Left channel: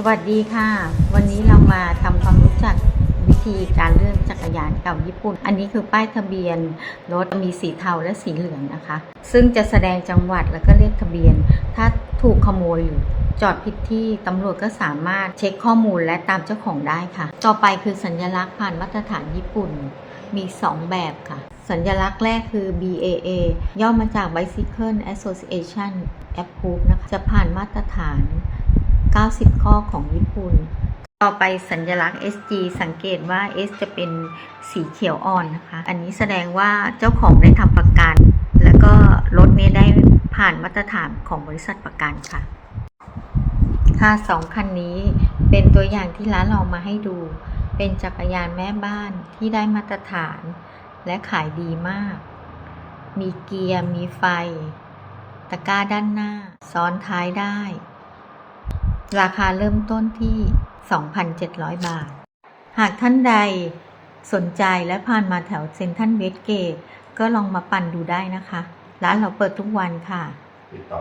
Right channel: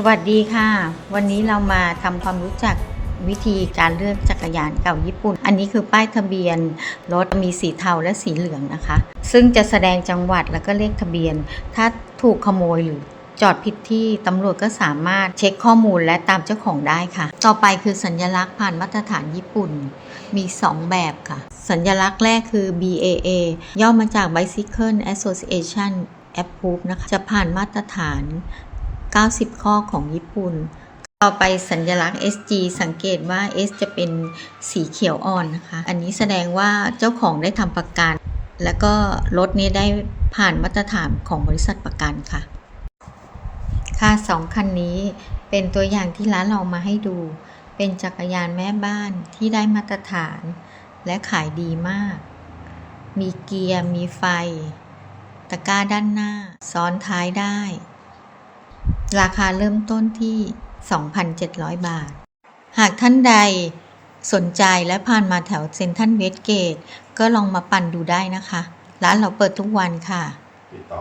สวัสดีค่ะ วันนี้เรามาทำความรู้จักวิธีการเลือกจักรยานเก่าญี่ปุ่น อันนี้คือป้ายทะเบียนรถมีสีเทาและสีเหลืองนะคะ ซึ่งจะแสดงจังหวัดแล้วก็เลขทะเบียน ถ้าถูกขโมยหรือจอดผิดที่ตำรวจก็สามารถเช็คข้อมูลและตามเจ้าของได้ค่ะ ต่อไปคือสัญลักษณ์ผ่านมาตรฐานญี่ปุ่น มี 2 แบบค่ะ สัญลักษณ์แรกคือ BAA ย่อมาจาก Bicycle Association Approve นะคะ จะผ่านมาตรฐาน 90 ข้อของญี่ปุ่น ต่อไปสัญลักษณ์ SG สังเกตว่า S จะเป็นสีเขียวอ่อนนะคะ อันนี้แสดงว่าเจ้าของได้ทำประกัน แล้วก็รถนี้ได้ผ่านมาตรฐานของบริษัทประกันค่ะ ค่ะสองคันนี้เป็นตัวอย่างที่ร้านเรามาให้ดู เป็นจักรยานแม่บ้านที่ได้มาตรฐานและขายดีมาก มีเกียร์ มีไฟ ตะกร้าด้านหน้า ซ้อนท้ายได้ ราคาเริ่มต้นที่ 2,700 บาท หากท่านใดสนใจและผ่านมาแถวเซ็นทรัลเวสเกต ก็ลองมาปั่นดูได้นะคะ ร้านเราเปิดทุกวันค่ะ ติดต่อ